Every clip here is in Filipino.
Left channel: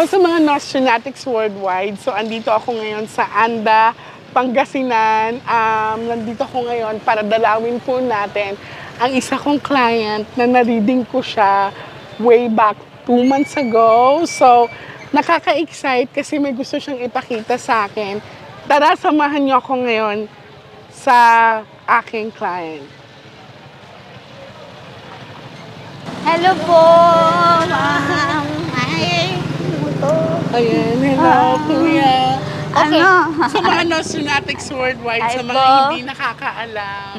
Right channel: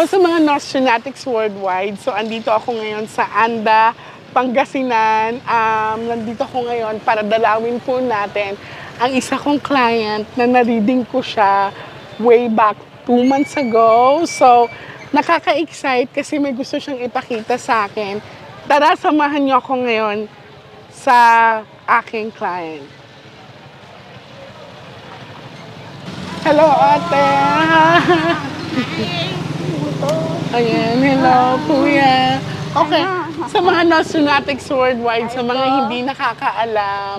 Hello sa mga Nostronatics worldwide. So, andito ako ngayon sa Anda, Pangasinan. Nandito ako ngayon para dalawin po natin ang isa kong client na na-reading ko siya way back 2 months ago. So, nakaka-excite kasi may gusto siyang ipakita sa akin. Tara, samahan niyo ako ngayon sa aking client. Hello, Hello, po! ate! Hi! Ayan, hello, kuya. Okay, Ano? sa mga Nostronatics worldwide, Hi sa mga po. hindi nakakaalam,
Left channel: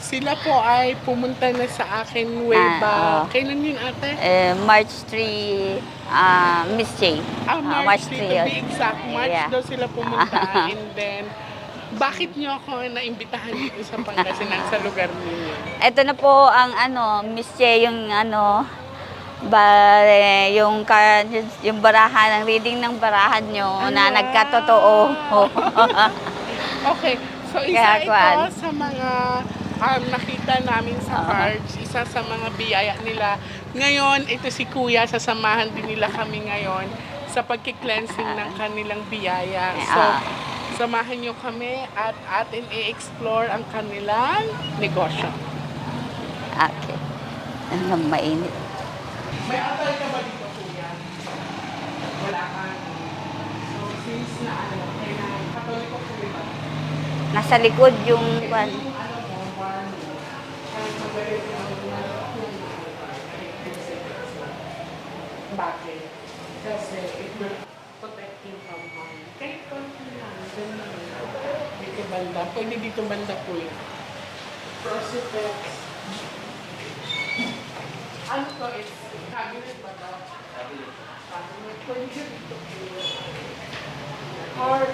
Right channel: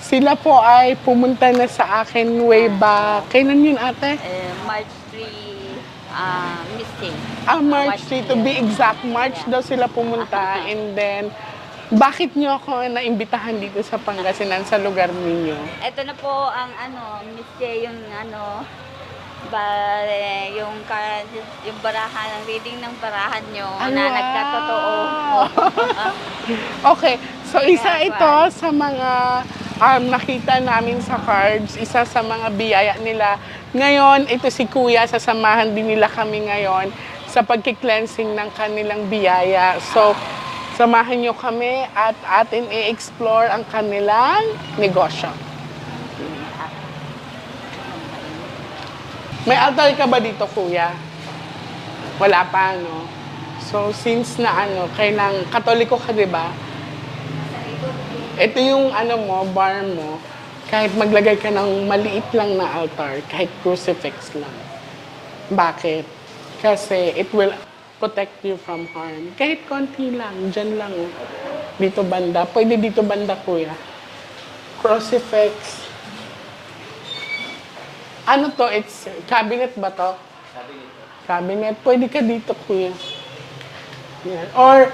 sila po ay pumunta na sa akin way back. Oo. Kailan yun, ate? March 3, Miss J. March 3 to yun. be exact. March Yeah. daw sila pumunta. And then, bakit niyo ako naimbitahan dito sa Pangasinan sa lugar ninyo? Ito na po ang Miss J, yung yung barahan, ang reading ng barahan nyo na Wow! nagkatotoo. Okay, so isa Kaya, ito sa mga nakita namin sa cards, isa sa mga biyaya nila. Ngayon, ito si Kuya, sasamahan din nila kami ngayon sa pagki-cleansing ng kanilang biyaya. So, samahan nyo kami at ating i-explore ang kanilang negosyo. Okay. Ano, mainit. May altar ka ba dito, Kuya? Wala pa, no? So, since na kailang katoliko ka, di ba? Nasa likod yung... Ito yung bar mo, kahit maglagay ka ng maliit lang na altar, kahit crucifix lang. Bakit? Kasi it will protect you from harm. Kahit konti lang, dyan lang. Dito banda. Pwede dito banda, kuya. Crucifix. Ano to? It's cabinet ba to? Cabinet. Pwede ka dito, kuya. Yan. Or,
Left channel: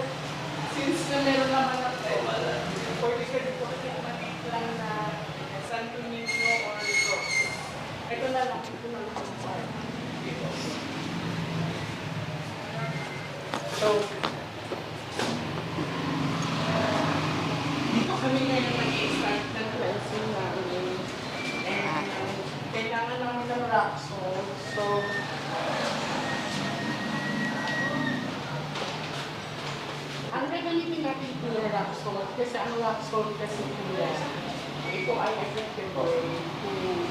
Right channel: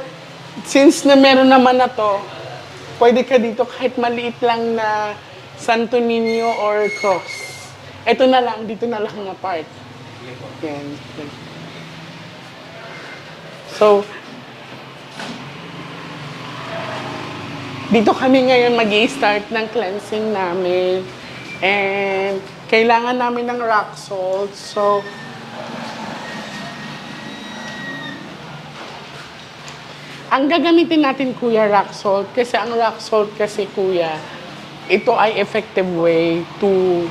since na meron naman na to, pwede ka dito kahit maliit lang na Santo Niño or cross. Ito na lang, dito na lang ang part. Yan. So, dito kami ngayon mag-i-start ng cleansing namin. And kailangan namin ng rock salt. So, ang gagamitin natin, kuya, rock salt. Kasi ang rock salt kasi, kuya, ito ay effective way to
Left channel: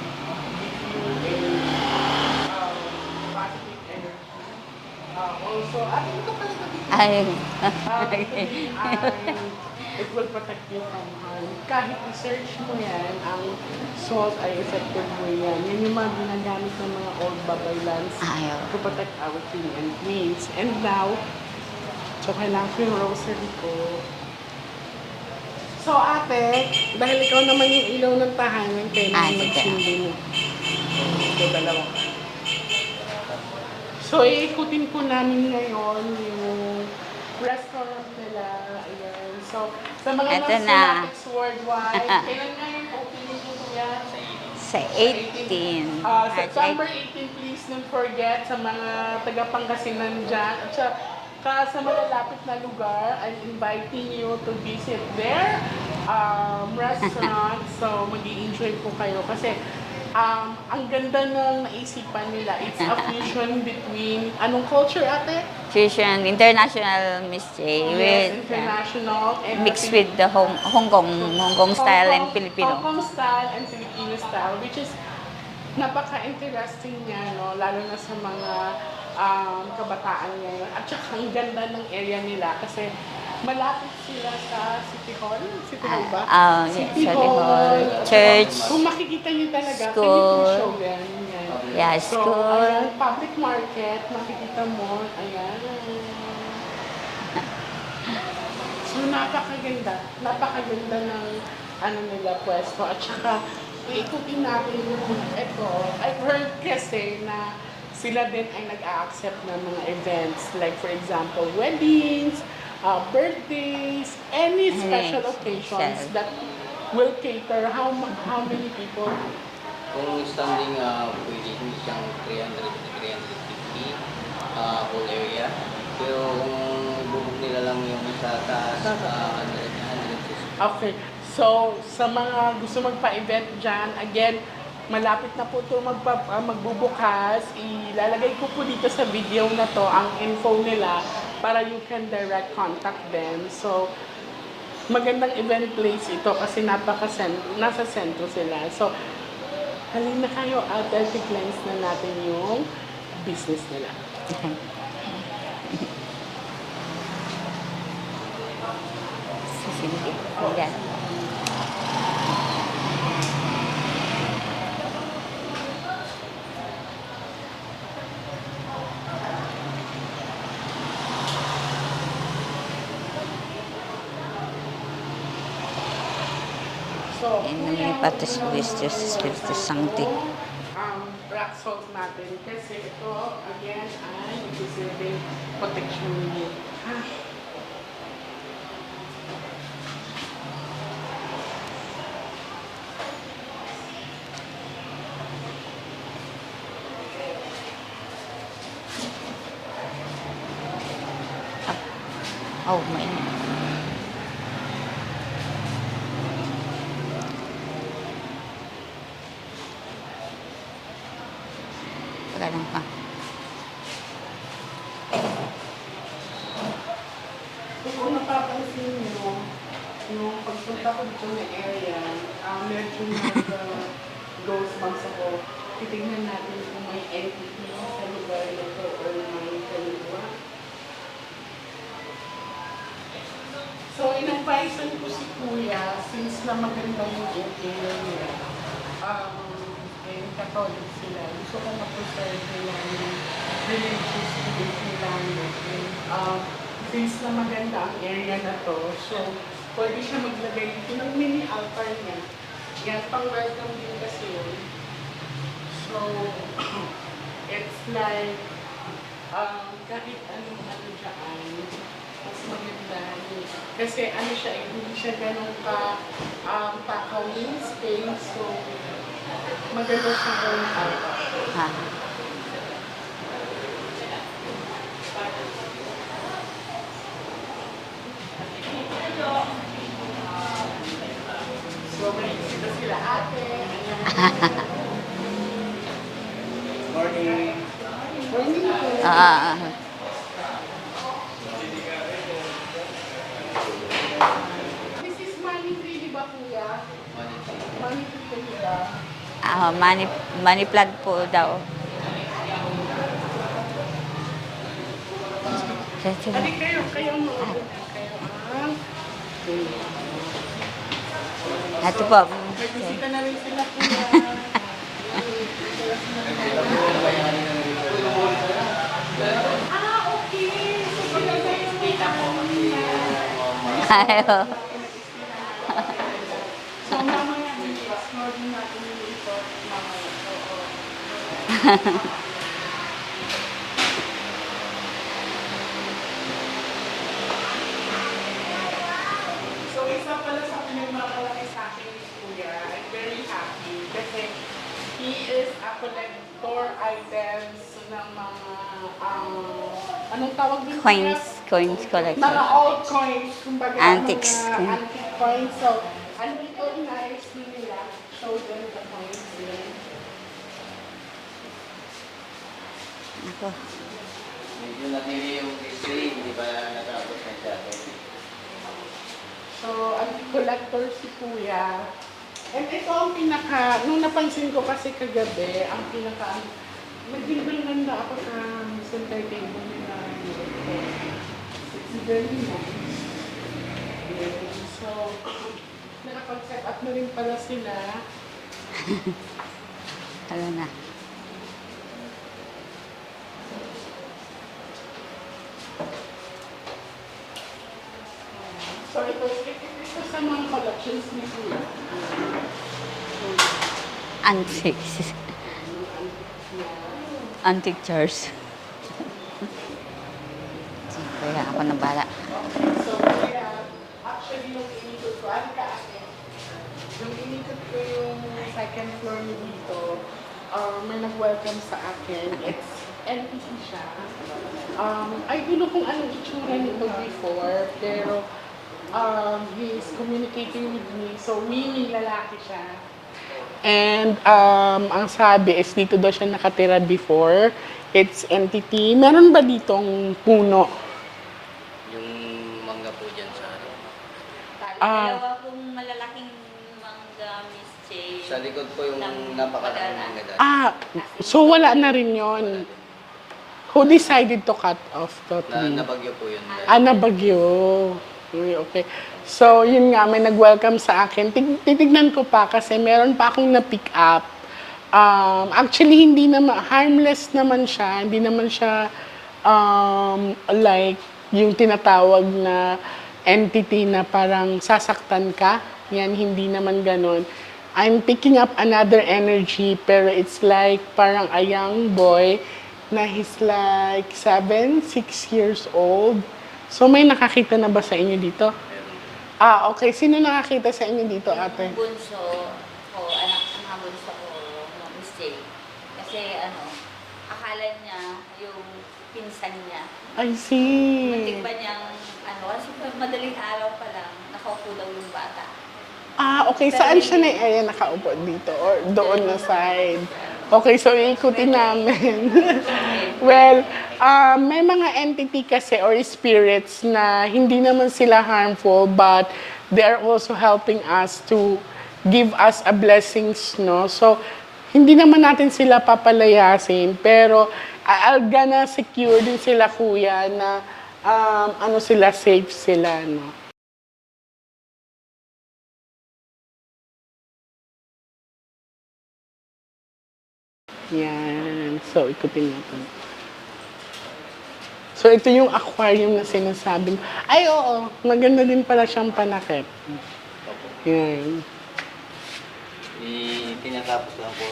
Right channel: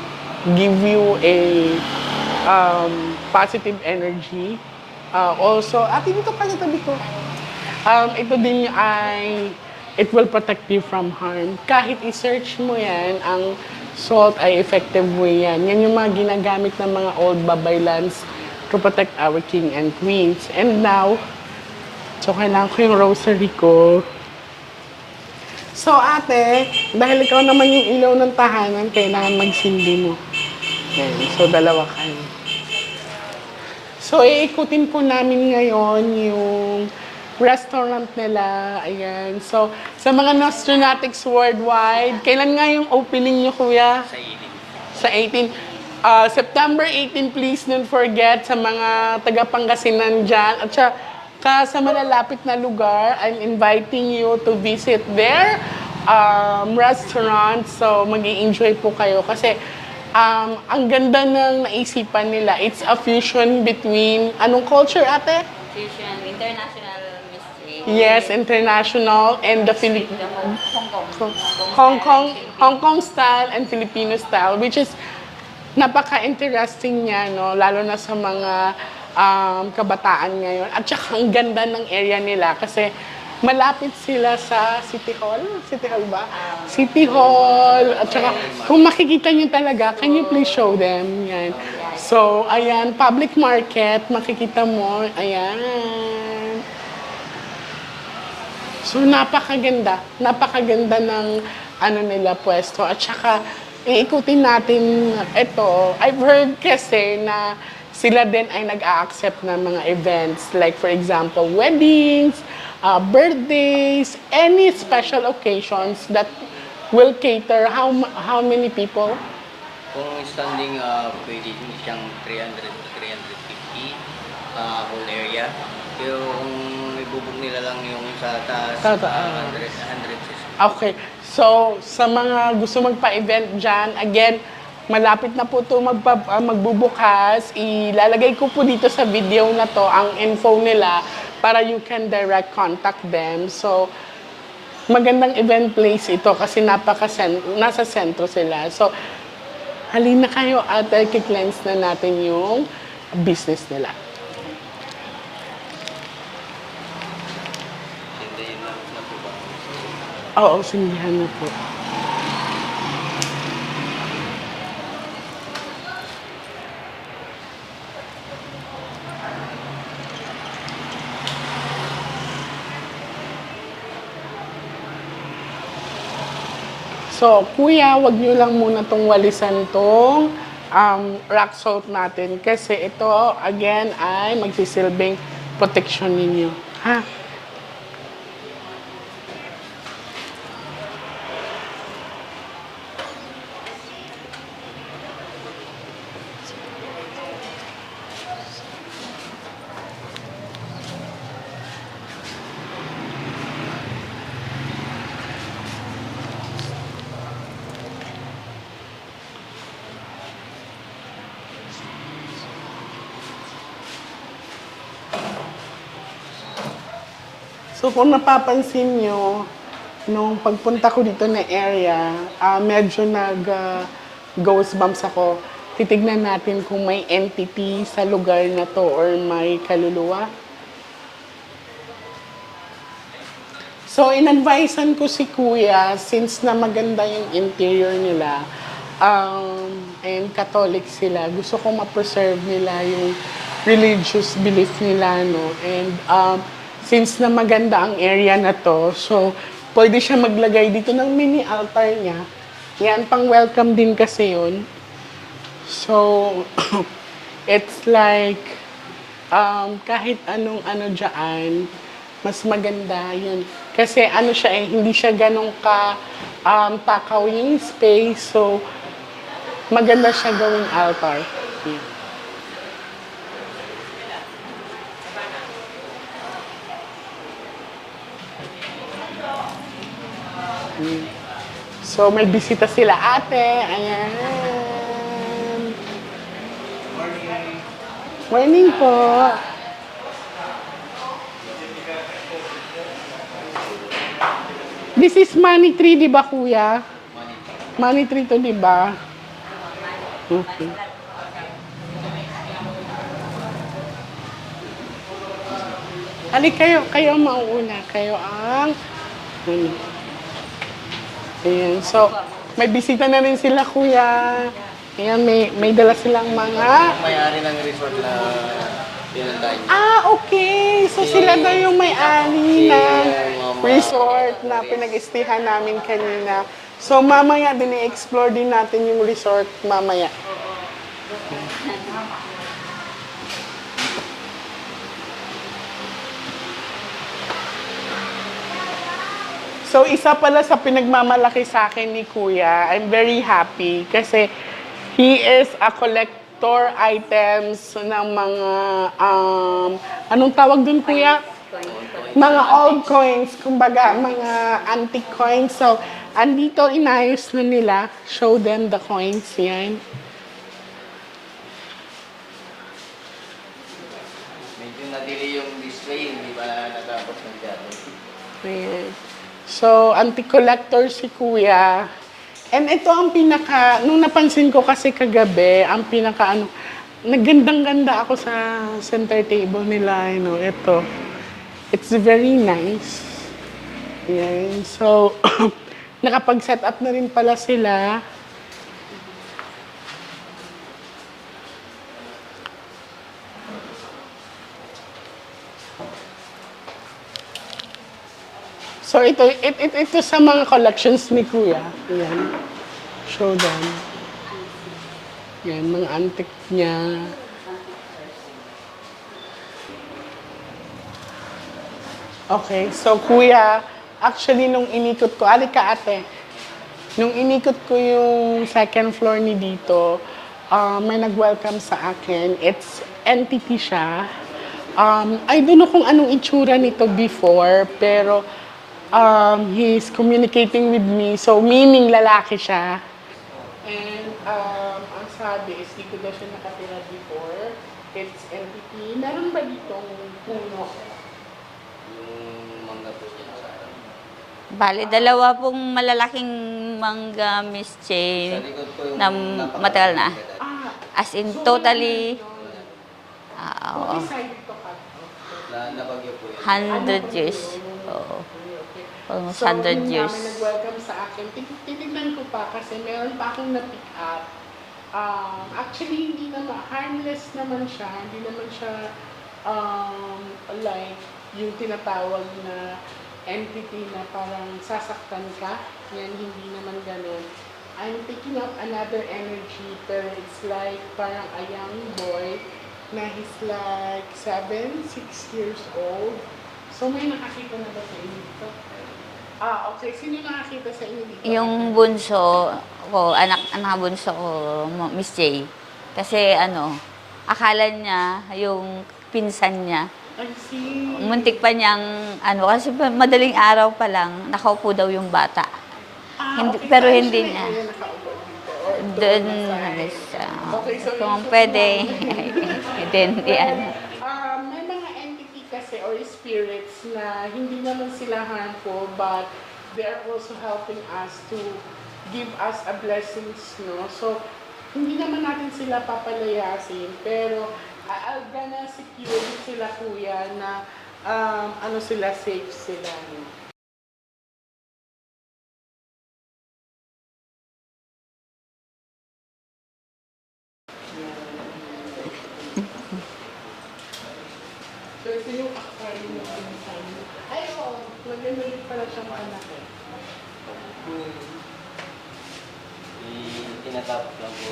give you a positive energy. Also, dito ka dito. Ito din ay, it will protect you from harm. Kahit i-search mo yan, ang salt ay effective way yan. Yan yung mga ginagamit ng mga old babaylans to protect our king and queens. And now, so kailangan ko yung rosary ko. So ate, dahil ikaw naman yung ilaw ng tahanan, kailangan magsindi mo. Okay, so dalawa kayo. So iikutin po namin ngayon yung restaurant nila. Ayan. So sa mga Nostronatics worldwide, kailan nga yung opening nyo, kuya? Sa 18. September 18, please don't forget sa mga taga-Pangasinan dyan. At sa malalapit na lugar, I'm inviting you to visit their restaurant. So, mag-i-enjoy po kayo kasi ang ganda ng naisipan nila. It's a fusion between, anong culture, ate? Fusion, International Miss J. Yes, international and Mixed with the Hong Kong style and Filipino. Hong Kong style and Filipino style, which is napaka-interesting niya, no? Lalo na sa mga kabataan ngayon. At saka ang ganda ng area nila kasi malapit sila sa City Hall. City Hall ba? City Hall. At saka, kung makikita niyo talaga, can you please show them? Yan. Yeah, So, ayan, public market, makikita mo. Ayan. So, napakaganda. Napakaganda ng nila pwesto. At saka, iikutin natin ito. I've heard kasi na sila din ay nag-a-accept ng mga events. Like, for example, weddings, birthdays, any special occasions that will cater how many people? Kung standing, pwede din siyang 350 whole area. Pero kung i-book nila lang yung sa taas, 100. Okay. So, sa mga gusto magpa-event dyan, again, malapit na po ito magbubukas. Ilalagay ko po dito sa video na to ang info nila para you can direct contact them. So, magandang event place ito kasi nasa sentro sila. So, halina kayo at i-cleanse na natin yung business nila. Oo, sindihan na po. So, kuya, wag niyo lang muna itong walisan tong rock salt natin kasi ito, again, ay magsisilbing protection ninyo. Ha? Oh, my. Ganun pa. So, kung napapansin nyo, nung pagpunta ko dito na area, medyo ghost bumps ako. Titignan natin kung may entity sa lugar na to or may kaluluwa. So, in-advisean ko si Kuya, since na maganda yung interior nila, and Catholic sila, gusto ko ma-preserve nila yung religious belief nila, no? And since na maganda ang area na to, so pwede siya maglagay dito ng mini altar niya. Yan, pang welcome din kasi yun. So, it's like, kahit anong ano dyan, mas maganda yun. Kasi ano siya hindi siya ganun takaw yung space. So, maganda siya gawing altar. So, may bisita sila ate. Ayan. Morning. Morning po. This is money tree, di ba, kuya? Money tree to, di ba? Money plant po daw. Ali, kayo ang mauuna. Kayo ang... Ayan. So, Ito po. may bisita na rin sila, kuya. Ayan, may dala silang mga... May-ari ng resort na Okay. So, sila daw yung may-ari na resort na pinag-istihan namin kanina. So, mamaya din i-explore din natin yung resort mamaya. So, isa pala sa pinagmamalaki sa akin ni Kuya, I'm very happy kasi he is a collector items ng mga, anong tawag dun, Kuya? Coins collection. Mga old coins, kumbaga, Antiques. mga antique coins. So, andito, inayos na nila. Show them the coins, yan. medyo na-delay yung display, hindi ba natapos na dyan? Ayan. So, antique collector si Kuya. And ito ang nung napansin ko kasi kagabi, ang nagandang-ganda ako sa center table nila, ito. It's very nice. Ayan. So, nakapag-set up na rin pala sila. Ano na. So, ito sa mga collections ni Kuya. Ayan. Show them. Antiques. Ayan, mga antique niya. Antique chairs. Kaya ako na bala. Okay, so Kuya, actually nung inikot ko, alika ate, nung inikot ko yung second floor ni dito, may nag-welcome sa akin. It's entity siya. I don't know kung anong itsura nito before, pero he's communicating with me. So, meaning lalaki siya. And ang sabi is dito daw siya nakatira before. It's entity. Meron ba ditong puno? Yung mangga po dyan sa harap. Bali, dalawa pong malalaking mangga, Miss Sa Jane, likod po yung na matagal na. As in, So wala na totally, rin yun. ah, Who decided to cut off totally? Nabagyo po yun. 100 Bagyo. years. Okay. Almost So, 100 yun nga, years. may nag-welcome sa akin. Titignan ko pa kasi meron pa akong na-pick up. Actually, hindi naman, harmless naman siya. Hindi naman siya like yung tinatawag na entity na parang sasaktan ka. Yan, hindi naman ganon. I'm picking up another energy pero it's like parang a young boy na he's like 6 years old. So may nakakita na ba sa inyo dito? Okay. Sino nakakita sa inyo dito, ate? Yung bunso ko, anak bunso ko, Miss J. Kasi akala niya, yung pinsan niya, I see. muntik pa niyang, kasi madaling araw pa lang, nakaupo daw yung bata. Okay. Pero Saan hindi siya niya. Ayan, nakaupo dito or doon na side? Okay, so Kung ikutin pwede, namin. then, Well, may mga entity kasi or spirits na hindi naman sila harmful but they are also helping us to give us a blessings, no? So, hindi naman natin sila papalayasin, pero I'll gonna secure din sila, kuya, na sila, safe sila, no? Yan. So, ikutin natin. So, ito yung aquarium na sinasabi. Ay, oo. Maganda din pala siyang panakit. Yan. Tinatapos lang po.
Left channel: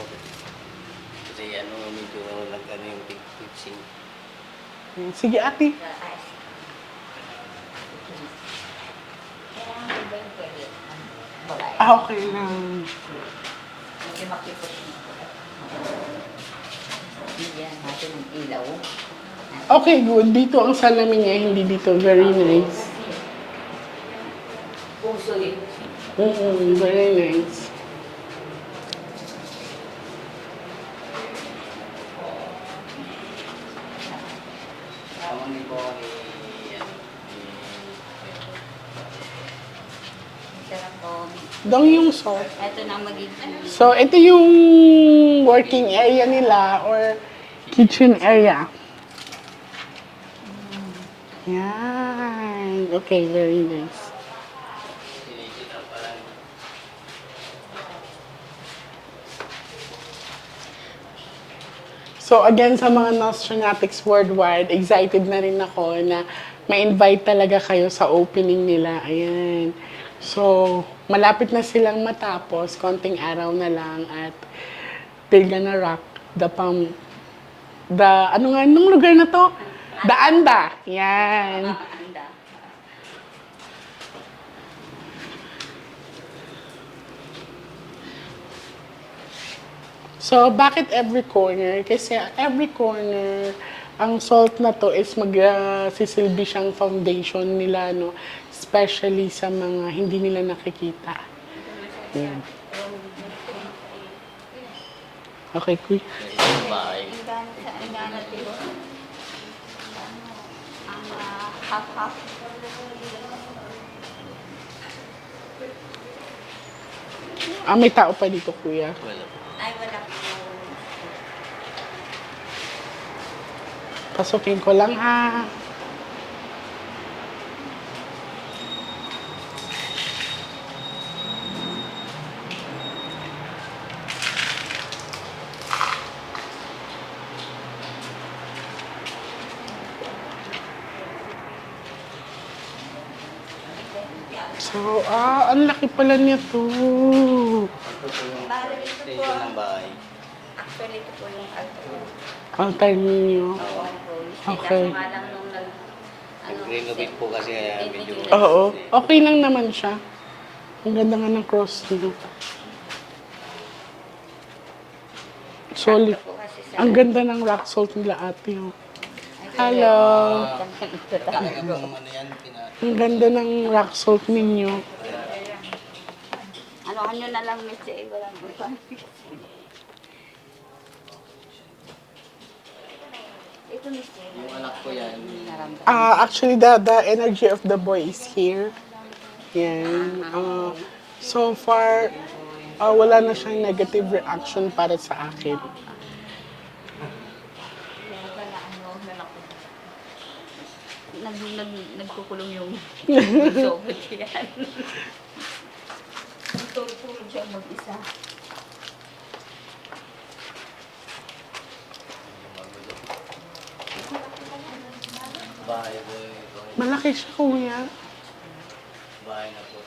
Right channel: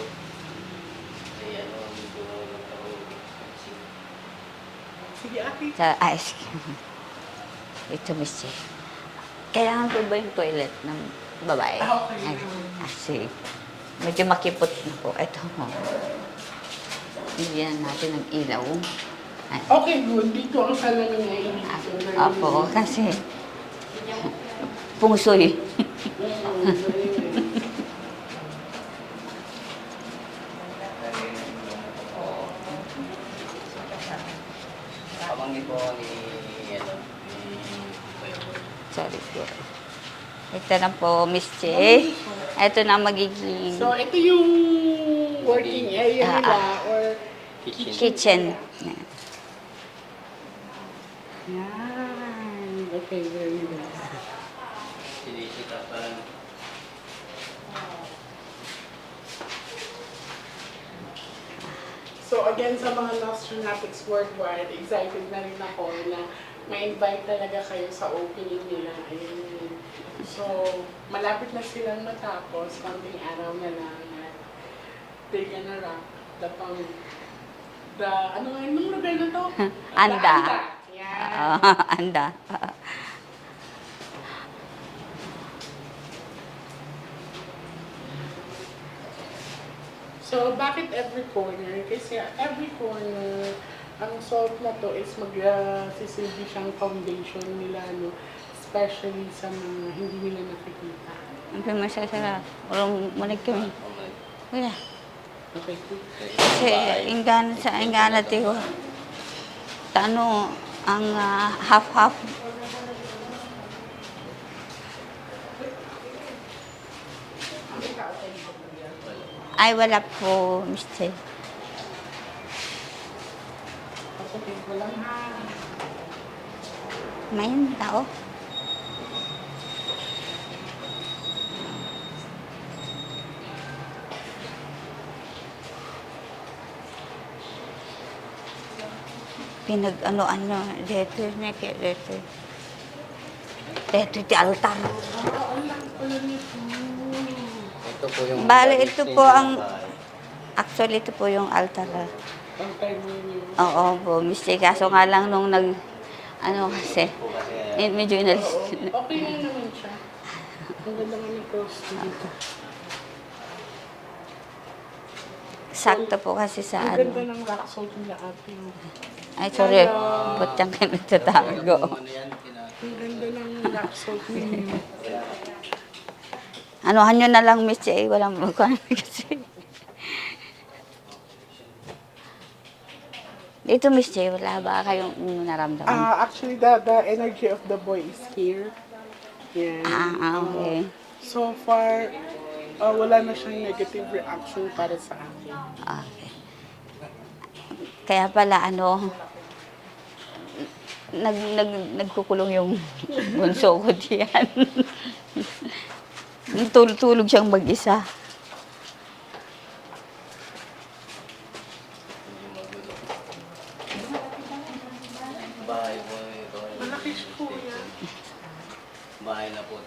Kasi medyo nagkano yung fixing. Sige, ate. sa ice cream. Ito, Miss J. Kailangan ko ba yung toilet ng babae? Okay na. Kasi medyo makipot na po. Ito mo. Bigyan natin ng ilaw. Ay, Okay, good. Dito ang salamin niya, hindi dito. Very ako, nice. kasi pungsoy. Very nice. Amang nito ni Sorry po. Ito na po, Miss J. Don't so. Ito na magiging So, ito yung working area nila or kitchen area. Yan. Okay, very nice. sinikita parang So again, sa mga Nostranatics worldwide, excited na rin ako na ma-invite talaga kayo sa opening nila. Ayan. So, malapit na silang matapos. Konting araw na lang at they're gonna rock anong lugar na to? Anda. The Anda. Yan. Anda. So, bakit every corner? Kasi every corner, ang salt na to is magsisilbi siyang foundation nila, no? Especially sa mga hindi nila nakikita. Ito masasarap. Walang maligkim. Kuya. Okay, quick. Kasi ingana tiyo. Ang half-half. May tao pa dito, kuya. Ay, wala po, Mr. Pasukin ko lang, ha? May tao. Dito ti altar. So, ang laki pala niya to. ito po yung Bale, ito po ang, bahay. actually ito po yung altar. Ang time ninyo. Oo po, Mr. Okay. Kaso nga lang nung kasi, Renovate po kasi medyo Oo. Okay lang naman siya. Ang ganda nga ng cross niya. sakto po kasi sa, Ang ganda ng rock salt nila, ate. Oh. ay, sorry, Hello. putang ka nagtatago. ano yan, Ang ganda ng rock salt ninyo. Anuhan nyo na lang, Miss J. Walang magkano kasi. Dito, Miss J, wala ba kayong naramdaman? Actually, the energy of the boy is here. Yan. Okay. So far, wala na siyang negative reaction para sa akin. Kaya pala, nagkukulong yung bunso ko diyan. Tulog siyang mag-isa. Bahay po ito. Malaki siya, kuya. Bahay na po.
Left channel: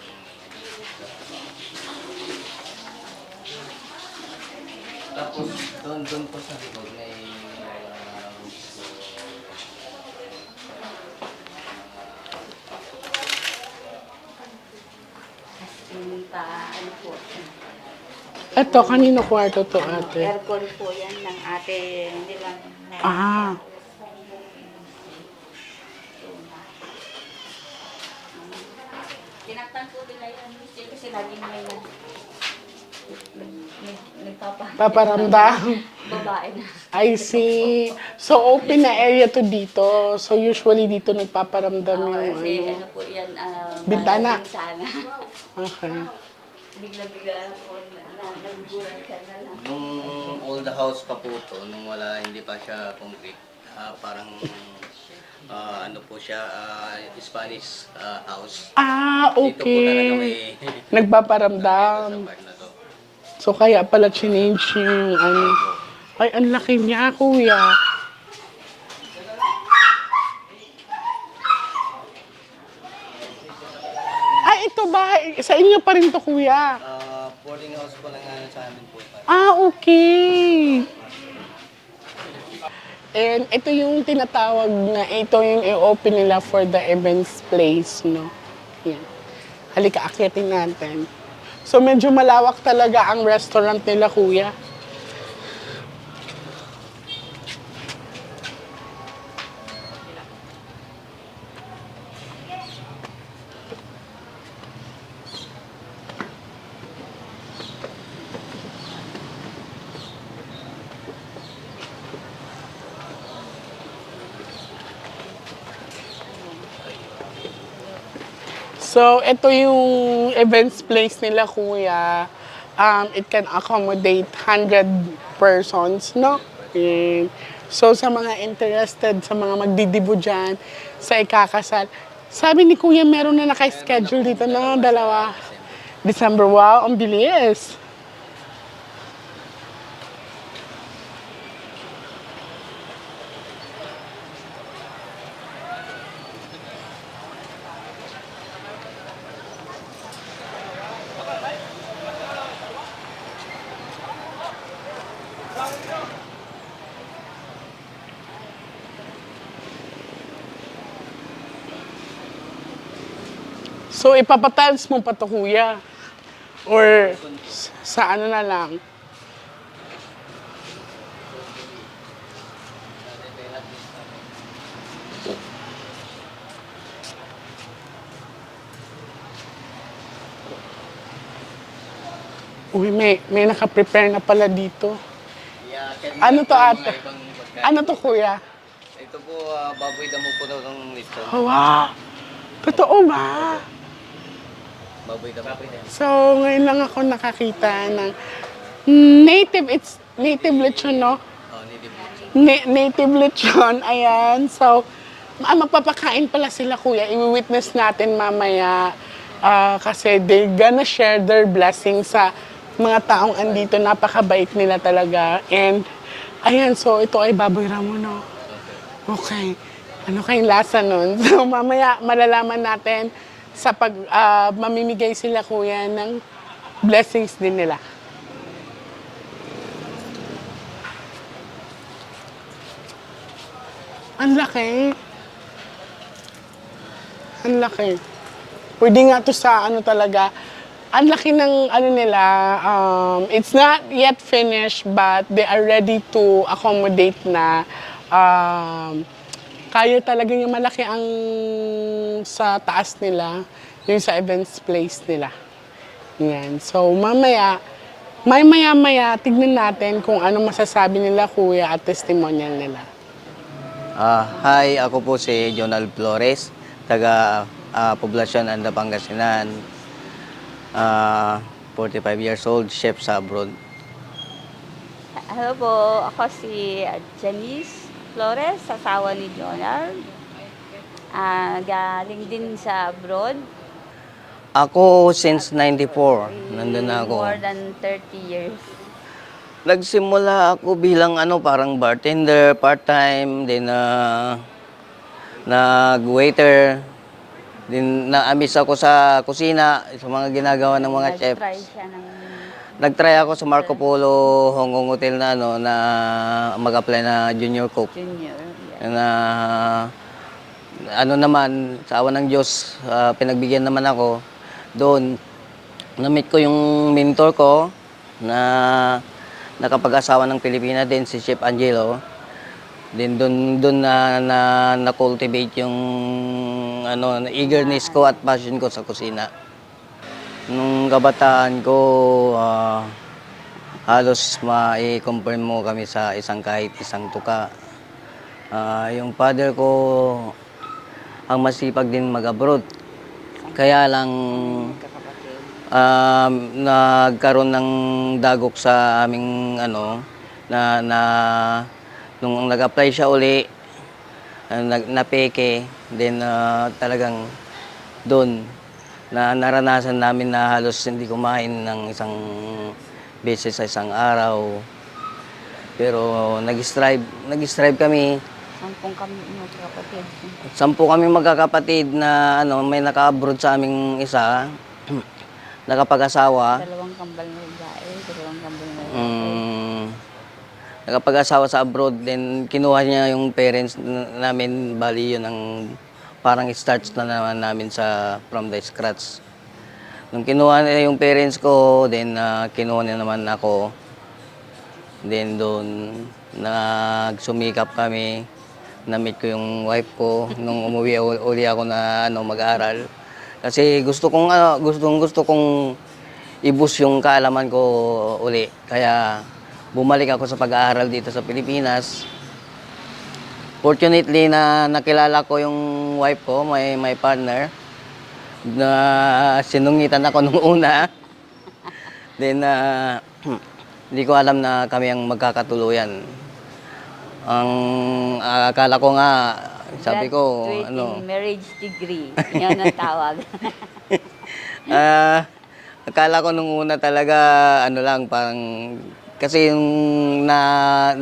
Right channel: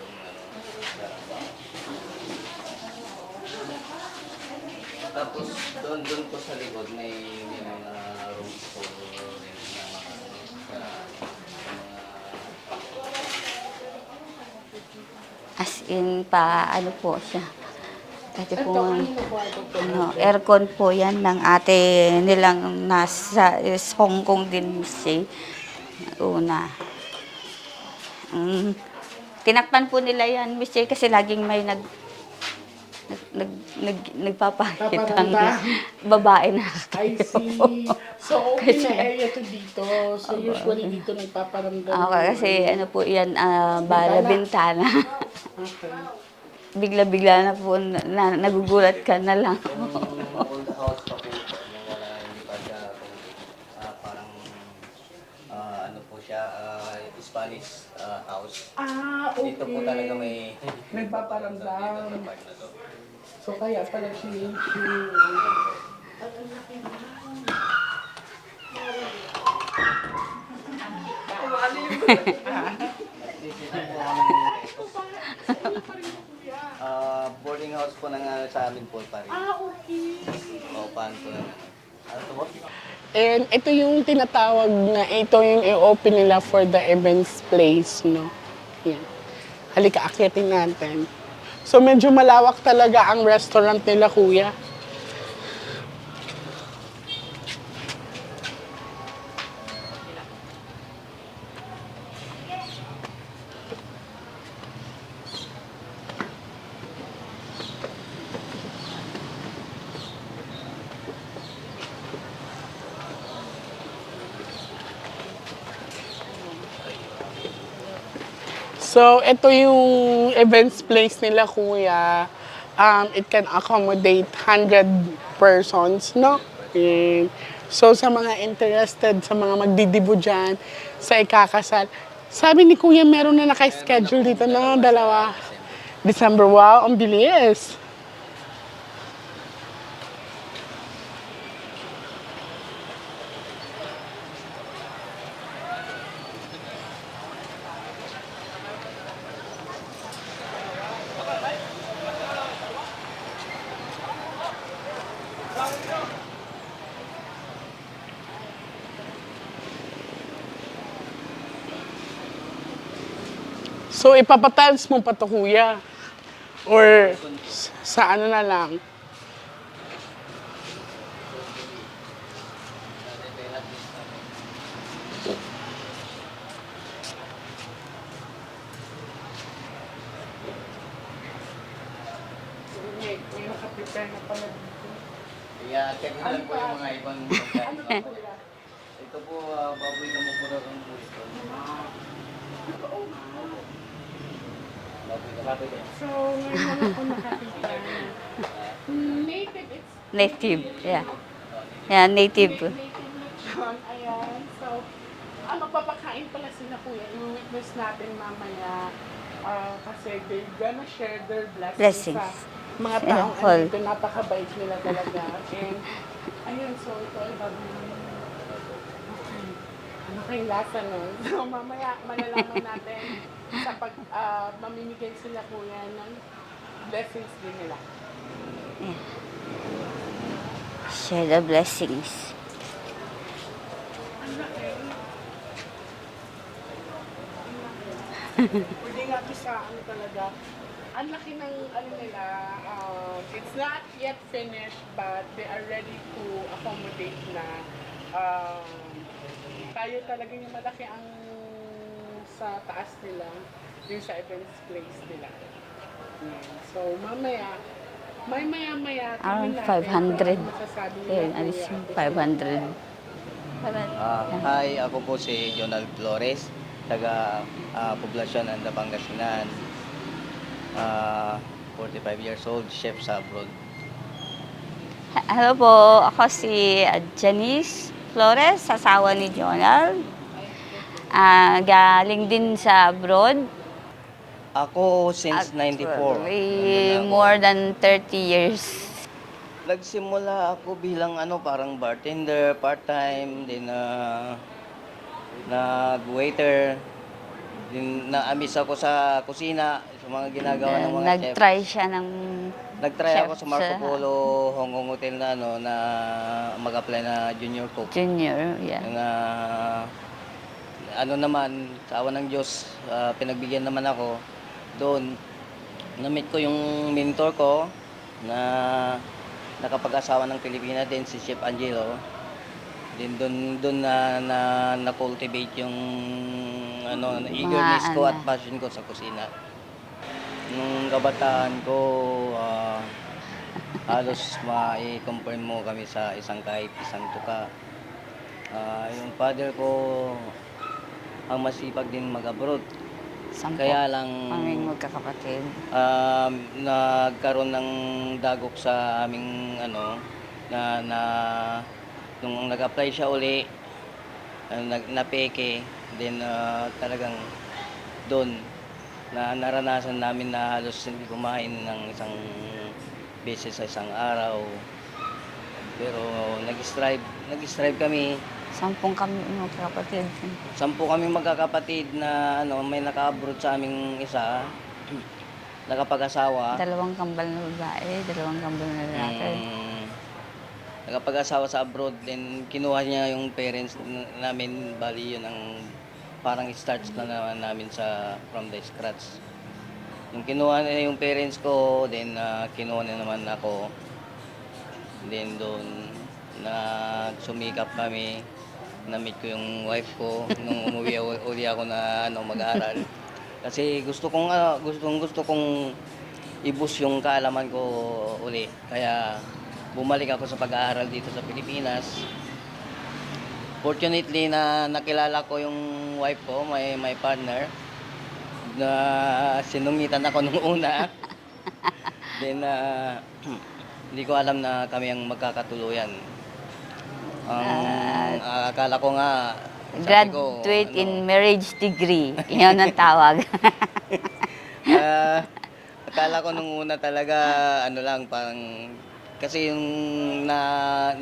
Tapos doon po sa likod may mga rooms po. As in, ano po siya. Ito, kanino kwarto to? Ate? Aircon po yan ng ate nilang nasa is Hong Kong din siya. Una. Tinakpan po nila yan, Miss J, kasi laging may nagpapahit ng Paparamdam. babae na. I see. So, open na area to dito. So, usually dito nagpaparamdam Okay, yung kasi ano po yan, Bintana. bintana. Okay. Bigla-bigla na po, nagugulat ka na lang. Nung old house pa po ito, nung hindi pa siya complete, parang ano po siya, Spanish house. Dito po talaga Okay. may Nagpaparamdam. part na to. So, kaya pala change yung Ay, ang laki niya, kuya. Ay, ito ba? Sa inyo pa rin to, kuya. Boarding house po ng sa amin po. Okay. Paano po yan? And ito yung tinatawag na ito yung i-open nila for the events place, no? Yan. Halika, akyatin natin. So medyo malawak talaga ang restaurant nila, kuya. So, ito yung events place nila, kuya. It can accommodate 100 persons, no? And so, sa mga interested, sa mga magdidibo dyan, sa ikakasal, sabi ni kuya, meron na naka-schedule dito na dalawa. December, wow, ang bilis. So, ipapatiles mo pa to, kuya? Or sa ano na lang? Uy, may naka-prepare na pala dito. Ano to, ate? Ano to, kuya? Ito po, baboy damo po daw ng listo. Oh, wow! Totoo ba? Baboy damo po. So, ngayon lang ako nakakita ng native, it's native lechon, yeah. no? Yan, native. Native lechon, ayan. So, magpapakain pala sila, kuya. I-witness natin mamaya. Kasi they gonna share their blessings sa mga taong Yeah, andito. Napakabait nila talaga. And, ayan, so ito ay baboy ramo, no? Okay. Ano kayong lasa nun? So, mamaya malalaman natin sa pag mamimigay sila, kuya, ng blessings din nila. Share the blessings. Ang laki. Ang laki. Pwede nga to sa ano talaga. Ang laki ng ano nila. It's not yet finished but they are ready to accommodate na. Kaya talaga yung malaki ang sa taas nila. Yung sa events place nila. Yan. So, mamaya, maya-maya, tignan natin kung 500. ano masasabi nila kuya at testimonial 500. nila. Hi, ako po si Jonal Flores, taga Poblacion, Anda, Pangasinan. 45 years old, chef sa abroad. Hello po, ako si Janice Flores, asawa ni Jonal. Galing din sa abroad. Ako since 94, nandun na ako. More than 30 years. Nagsimula ako bilang parang bartender, part-time, then nag-waiter, then na-amis ako sa kusina, sa mga ginagawa ng mga chef. Nag-try siya ng Nag-try ako chef sa Marco sa Polo Hong Kong Hotel na mag-apply na junior cook. junior. Yeah. Na naman, sa awa ng Diyos, pinagbigyan naman ako. Doon, na-meet ko yung mentor ko na nakapag-asawa ng Pilipina din, si Chef Angelo. Then doon na-cultivate yung eagerness ko at passion ko sa kusina. Nung kabataan ko, halos mai-confirm mo kami sa kahit isang tuka. Yung father ko, ang masipag din mag-abroad. Kaya lang Aming magkakapatid. nagkaroon ng dagok sa aming nung nag-apply siya uli, napeke, then talagang doon naranasan namin na halos hindi kumain ng isang beses sa isang araw. Pero nag-strive kami. 10 kami magkakapatid. 10 kami magkakapatid na may naka-abroad sa aming isa, nakapag-asawa. 2 kambal na babae, 2 kambal na lalaki. Nakapag-asawa sa abroad, then kinuha niya yung parents namin, bali yun ang parang starts na naman namin from the scratch. Nung kinuha niya yung parents ko, then kinuha niya naman ako. Then doon, nagsumikap kami. Na-meet ko yung wife ko nung umuwi uli ako na mag-aaral. Kasi gusto kong i-boost yung kaalaman ko uli. Kaya bumalik ako sa pag-aaral dito sa Pilipinas. Fortunately na nakilala ko yung wife ko, my partner, na sinungitan ako nung una. Then hindi ko alam na kami ang magkakatuluyan. Ang akala ko nga, sabi ko, Graduate in marriage degree. Yun ang tawag. Akala ko nung una talaga, parang, kasi yung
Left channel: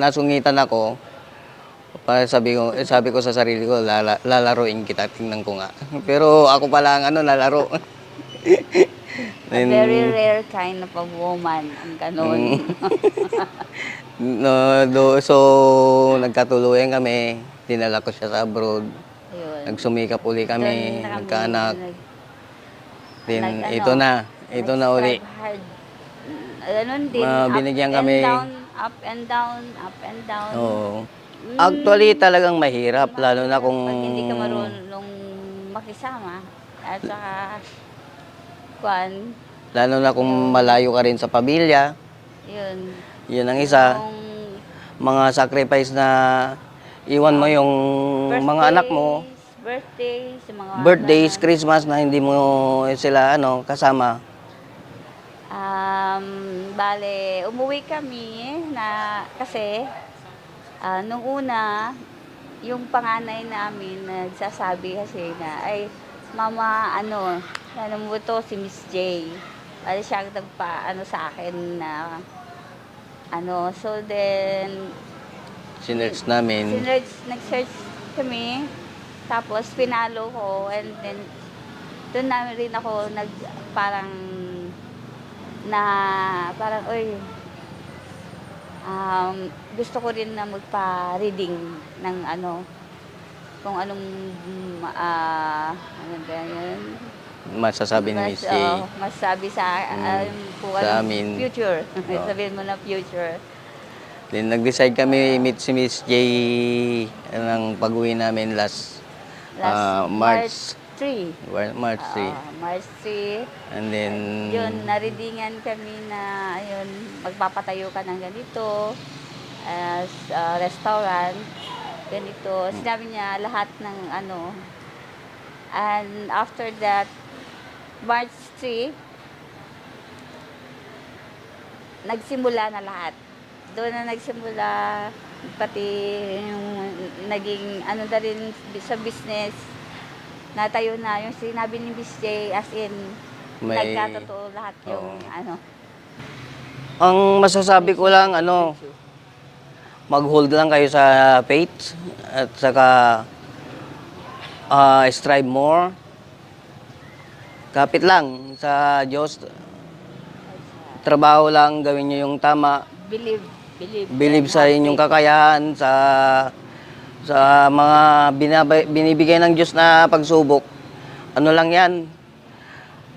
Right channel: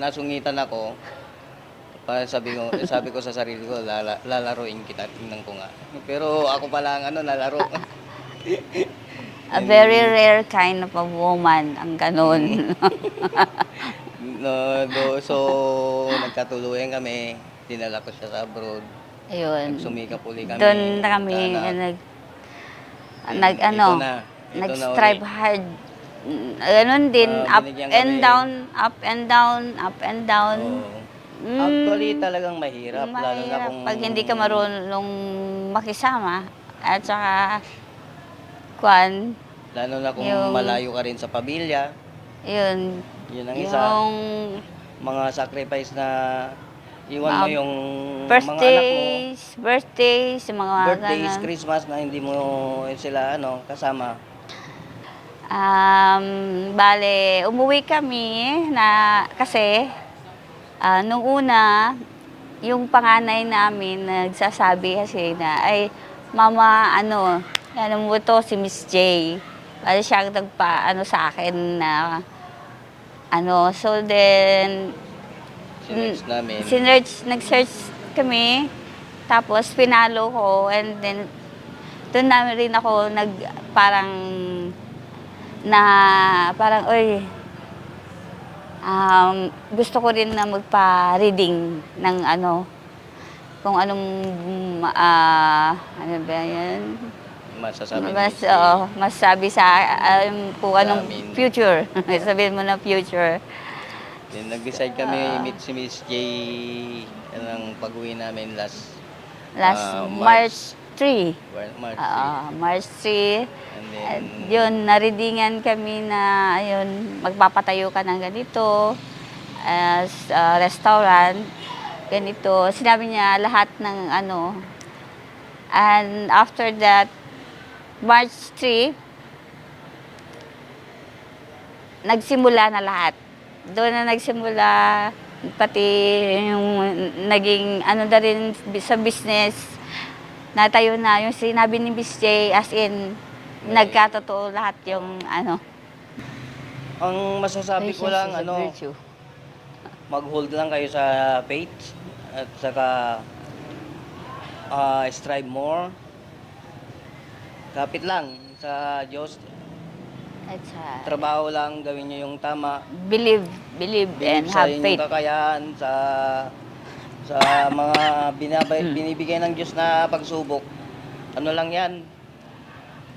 nasungitan ako, sabi ko sa sarili ko, lalaroin kita, tingnan ko nga. Pero ako pala ang nalaro. A very rare kind of a woman ang ganun. So, nagkatuluyan kami, dinala ko siya sa abroad, Ayun. nagsumikap uli kami. Doon na kami nagkaanak. Then, ito na uli. strive hard. Ganun din, up binigyan and kami. down, up and down, up and down. Oo. Actually, talagang mahirap, lalo na kung... Pag hindi ka marunong makisama, at saka, Lalo na kung malayo ka rin sa pamilya. yun. Yun ang isa. Yung Mga sacrifice na iwan mo yung mga anak mo. Birthdays, mga Birthdays, ganun. Christmas na hindi mo sila kasama. Bale, umuwi kami kasi nung una, yung panganay namin nagsasabi kasi na, ay, mama, ano mo to, si Miss J. Bale, siya ang sa akin na, so then, Sinerch namin. nag-search kami, tapos pinalo ko, and then, doon namin rin ako parang, oy, gusto ko rin na magpa-reading ng kung anong, ano ba yan? Masasabi ni Miss J. Masasabi sa, kung anong amin. future. Sabihin mo na future. Then nag-decide kami meet si Miss J ng pag-uwi namin last March March 3. March 3. And then, Yun, naridingan kami na, ayun, magpapatayo ka ng ganito, as restaurant, ganito. Sinabi niya lahat ng ano. And after that, March 3, nagsimula na lahat. Doon na nagsimula, pati yung naging ano na rin sa business, natayo na yung sinabi ni Miss J, as in, nagkatotoo lahat yung ano. ang masasabi ko lang, Virtue. mag-hold lang kayo sa faith at saka strive more. Kapit lang sa Diyos. At sa- Trabaho lang, gawin nyo yung tama. believe Believe and sa have inyong faith. kakayahan, sa mga binibigay ng Diyos na pagsubok. Ano lang yan?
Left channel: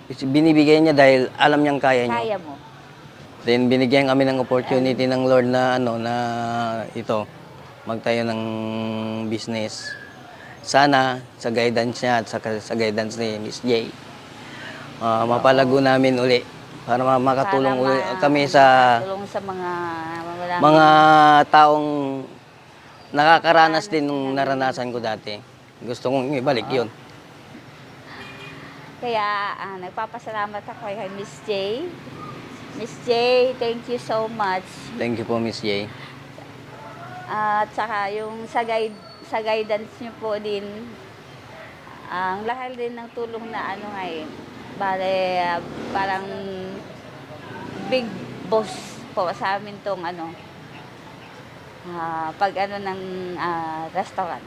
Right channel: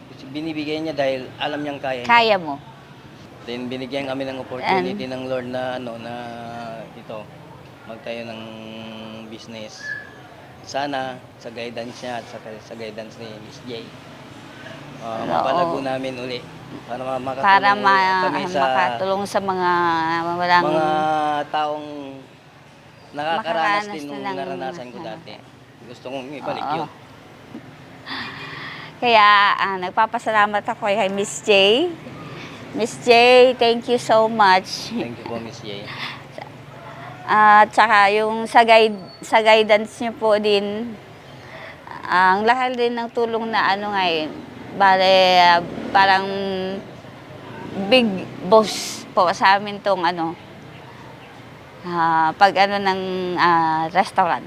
Binibigay niya dahil alam niyang kaya niya. Kaya mo. Then binigyan kami ng opportunity ng Lord na ito, magtayo ng business. Sana sa guidance niya at sa guidance ni Miss J, mapalago namin uli para Para makatulong kami sa makatulong sa mga walang mga taong nakakaranas Makaranas din nung din ng- naranasan ko dati. Gusto kong ibalik yun. Kaya nagpapasalamat ako kay Miss J. Miss J, thank you so much. Thank you po, Miss J. At saka yung sa guidance niyo po din, ang lahat din ng tulong na ano ngayon, bale, parang big boss po sa amin tong ano, pag ano ng restaurant.